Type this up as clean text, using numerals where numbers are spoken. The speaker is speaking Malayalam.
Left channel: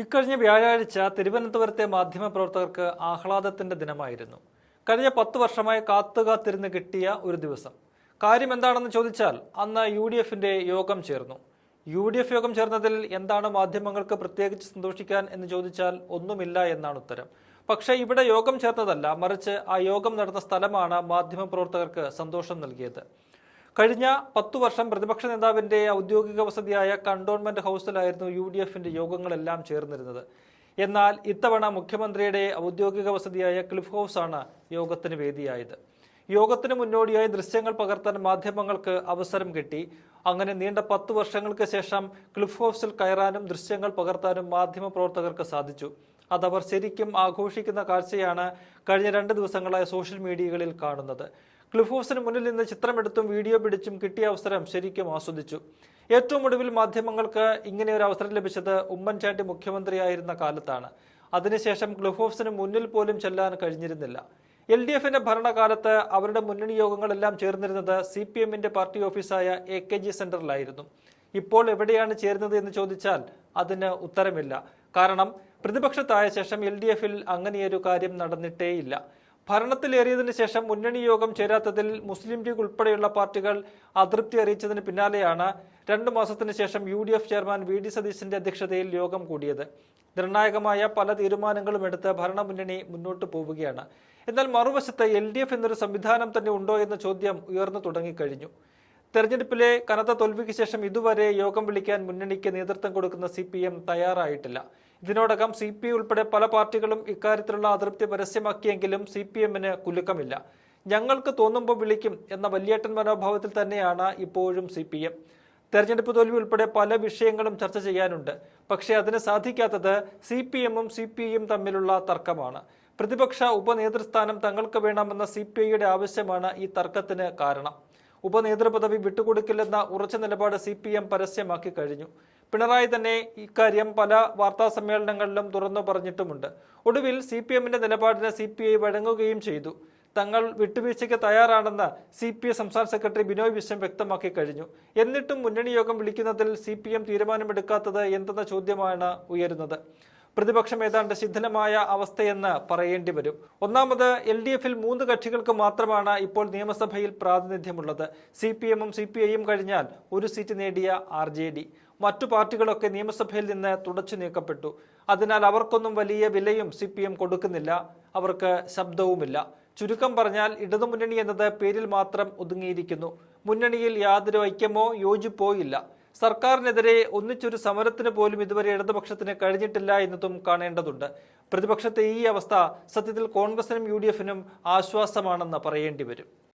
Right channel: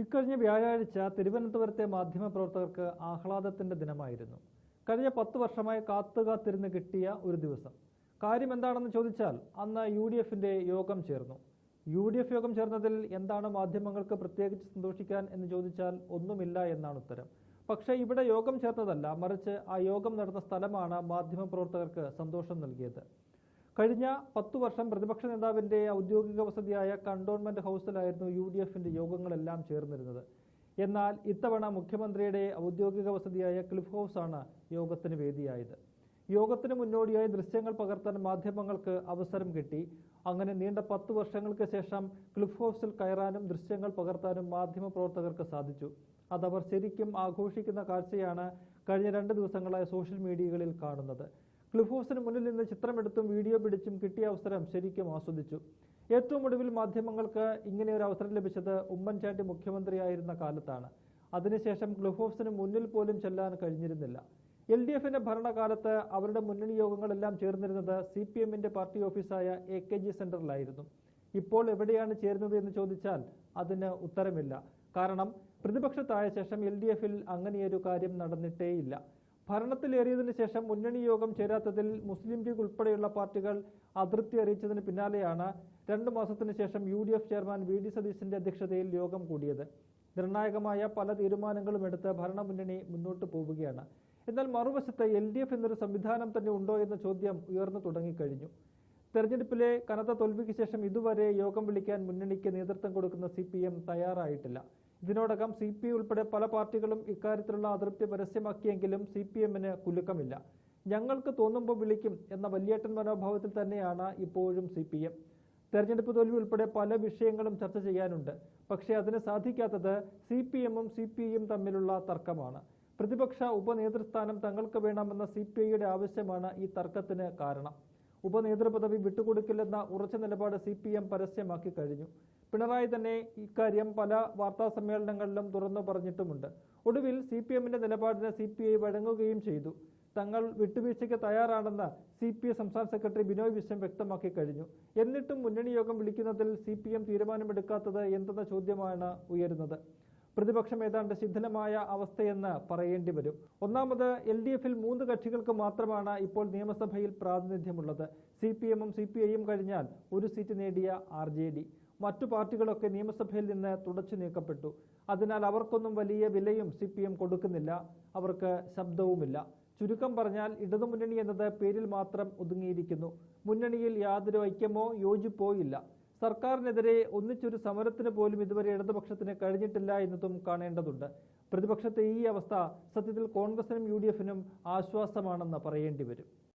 ഇക്കഴിഞ്ഞ വ്യാഴാഴ്ച തിരുവനന്തപുരത്തെ മാധ്യമപ്രവർത്തകർക്ക് ആഹ്ലാദത്തിന്റെ ദിനമായിരുന്നു. കഴിഞ്ഞ 10 വർഷമായി കാത്തുകാത്തിരുന്ന് കിട്ടിയ ഒരു ദിവസം. കാര്യം എന്താണെന്ന് ചോദിച്ചാൽ അന്ന് UDFന്റെ യോഗം ചേർന്നു. UDF യോഗം ചേർന്നതിൽ എന്താണ് മാധ്യമങ്ങൾക്ക് പ്രത്യേകിച്ച് സന്തോഷിക്കാൻ എന്ന് ചോദിച്ചാൽ ഒന്നുമില്ല എന്നാണ് ഉത്തരം. പക്ഷേ ഇവിടെ യോഗം ചേർന്നതല്ല, മറിച്ച് ആ യോഗം നടന്ന സ്ഥലമാണ് മാധ്യമപ്രവർത്തകർക്ക് സന്തോഷം നൽകിയത്. കഴിഞ്ഞ 10 വർഷം പ്രതിപക്ഷ നേതാവിന്റെ ഔദ്യോഗിക വസതിയായ കണ്ടോൺമെന്റ് ഹൗസിലായിരുന്നു UDFന്റെ യോഗങ്ങളെല്ലാം ചേർന്നിരുന്നത്. എന്നാൽ ഇത്തവണ മുഖ്യമന്ത്രിയുടെ ഔദ്യോഗിക വസതിയായ ക്ലിഫ് ഹൗസാണ് യോഗത്തിന് വേദിയായത്. യോഗത്തിന് മുന്നോടിയായി ദൃശ്യങ്ങൾ പകർത്താൻ മാധ്യമങ്ങൾക്ക് അവസരം കിട്ടി. അങ്ങനെ നീണ്ട 10 വർഷങ്ങൾക്ക് ശേഷം ക്ലിഫ് ഹൗസിൽ കയറാനും ദൃശ്യങ്ങൾ പകർത്താനും മാധ്യമപ്രവർത്തകർക്ക് സാധിച്ചു. അതവർ ശരിക്കും ആഘോഷിക്കുന്ന കാഴ്ചയാണ് കഴിഞ്ഞ 2 ദിവസങ്ങളായി സോഷ്യൽ മീഡിയകളിൽ കാണുന്നത്. ക്ലിഫ് ഹൗസിന് മുന്നിൽ നിന്ന് ചിത്രമെടുത്തും വീഡിയോ പിടിച്ചും കിട്ടിയ അവസരം ശരിക്കും ആസ്വദിച്ചു. ഏറ്റവും ഒടുവിൽ മാധ്യമങ്ങൾക്ക് ഇങ്ങനെ ഒരു അവസരം ലഭിച്ചത് ഉമ്മൻചാണ്ടി മുഖ്യമന്ത്രിയായിരുന്ന കാലത്താണ്. അതിനുശേഷം ക്ലിഫ് ഹൗസിന് മുന്നിൽ പോലും ചെല്ലാൻ കഴിഞ്ഞിരുന്നില്ല. LDFന്റെ ഭരണകാലത്ത് അവരുടെ മുന്നണി യോഗങ്ങളെല്ലാം ചേർന്നിരുന്നത് CPMന്റെ പാർട്ടി ഓഫീസായ AKG സെന്ററിലായിരുന്നു. ഇപ്പോൾ എവിടെയാണ് ചേരുന്നത് എന്ന് ചോദിച്ചാൽ അതിന് ഉത്തരമില്ല. കാരണം പ്രതിപക്ഷത്തായ ശേഷം LDFൽ അങ്ങനെയൊരു കാര്യം നടന്നിട്ടേയില്ല. ഭരണത്തിലേറിയതിനു ശേഷം മുന്നണി യോഗം ചേരാത്തതിൽ മുസ്ലിം ലീഗ് ഉൾപ്പെടെയുള്ള പാർട്ടികൾ അതൃപ്തി അറിയിച്ചതിന് പിന്നാലെയാണ് 2 മാസത്തിന് ശേഷം UDF ചെയർമാൻ VD സതീശന്റെ അധ്യക്ഷതയിൽ യോഗം കൂടിയത്. നിർണായകമായ പല തീരുമാനങ്ങളും എടുത്ത് ഭരണമുന്നണി മുന്നോട്ട് പോവുകയാണ്. എന്നാൽ മറുവശത്ത് LDF എന്നൊരു സംവിധാനം തന്നെ ഉണ്ടോ എന്ന ചോദ്യം ഉയർന്നു തുടങ്ങിക്കഴിഞ്ഞു. തെരഞ്ഞെടുപ്പിലെ കനത്ത തോൽവിക്ക് ശേഷം ഇതുവരെ യോഗം വിളിക്കാൻ മുന്നണിക്ക് നേതൃത്വം കൊടുക്കുന്ന CPM തയ്യാറായിട്ടില്ല. ഇതിനോടകം CPI ഉൾപ്പെടെ പല പാർട്ടികളും ഇക്കാര്യത്തിലുള്ള അതൃപ്തി പരസ്യമാക്കിയെങ്കിലും CPMന് കുലുക്കമില്ല. ഞങ്ങൾക്ക് തോന്നുമ്പോൾ വിളിക്കും എന്ന വലിയേട്ടൻ മനോഭാവത്തിൽ തന്നെയാണ് ഇപ്പോഴും CPM. തെരഞ്ഞെടുപ്പ് തോൽവി ഉൾപ്പെടെ പല വിഷയങ്ങളും ചർച്ച ചെയ്യാനുണ്ട്. പക്ഷേ അതിന് സാധിക്കാത്തത് CPMഉം CPIയും തമ്മിലുള്ള തർക്കമാണ്. പ്രതിപക്ഷ ഉപനേതൃസ്ഥാനം തങ്ങൾക്ക് വേണമെന്ന CPIയുടെ ആവശ്യമാണ് ഈ തർക്കത്തിന് കാരണം. ഉപനേതൃപദവി വിട്ടുകൊടുക്കില്ലെന്ന ഉറച്ച നിലപാട് CPM പരസ്യമാക്കി കഴിഞ്ഞു. പിണറായി തന്നെ ഇക്കാര്യം പല വാർത്താ സമ്മേളനങ്ങളിലും തുറന്നു പറഞ്ഞിട്ടുമുണ്ട്. ഒടുവിൽ CPMന്റെ നിലപാടിന് CPI വഴങ്ങുകയും ചെയ്തു. തങ്ങൾ വിട്ടുവീഴ്ചയ്ക്ക് തയ്യാറാണെന്ന് CPI സംസ്ഥാന സെക്രട്ടറി ബിനോയ് വിശ്വം വ്യക്തമാക്കി കഴിഞ്ഞു. എന്നിട്ടും മുന്നണി യോഗം വിളിക്കുന്നതിൽ CPM തീരുമാനമെടുക്കാത്തത് എന്തെന്ന ചോദ്യമാണ് ഉയരുന്നത്. പ്രതിപക്ഷം ഏതാണ്ട് ശിഥിലമായ അവസ്ഥയെന്ന് പറയേണ്ടി വരും. ഒന്നാമത് LDFൽ 3 കക്ഷികൾക്ക് മാത്രമാണ് ഇപ്പോൾ നിയമസഭയിൽ പ്രാതിനിധ്യമുള്ളത്. CPMഉം CPIയും കഴിഞ്ഞാൽ ഒരു സീറ്റ് നേടിയ RJD. മറ്റു പാർട്ടികളൊക്കെ നിയമസഭയിൽ നിന്ന് തുടച്ചു നീക്കപ്പെട്ടു. അതിനാൽ അവർക്കൊന്നും വലിയ വിലയും CPM കൊടുക്കുന്നില്ല. അവർക്ക് ശബ്ദവുമില്ല. ചുരുക്കം പറഞ്ഞാൽ ഇടതുമുന്നണി എന്നത് പേരിൽ മാത്രം ഒതുങ്ങിയിരിക്കുന്നു. മുന്നണിയിൽ യാതൊരു ഐക്യമോ യോജിപ്പോ ഇല്ല. സർക്കാരിനെതിരെ ഒന്നിച്ചൊരു സമരത്തിന് പോലും ഇതുവരെ ഇടതുപക്ഷത്തിന് കഴിഞ്ഞിട്ടില്ല എന്നതും കാണേണ്ടതുണ്ട്. പ്രതിപക്ഷത്തെ ഈ അവസ്ഥ സത്യത്തിൽ കോൺഗ്രസിനും UDFനും ആശ്വാസമാണെന്ന് പറയേണ്ടി വരും.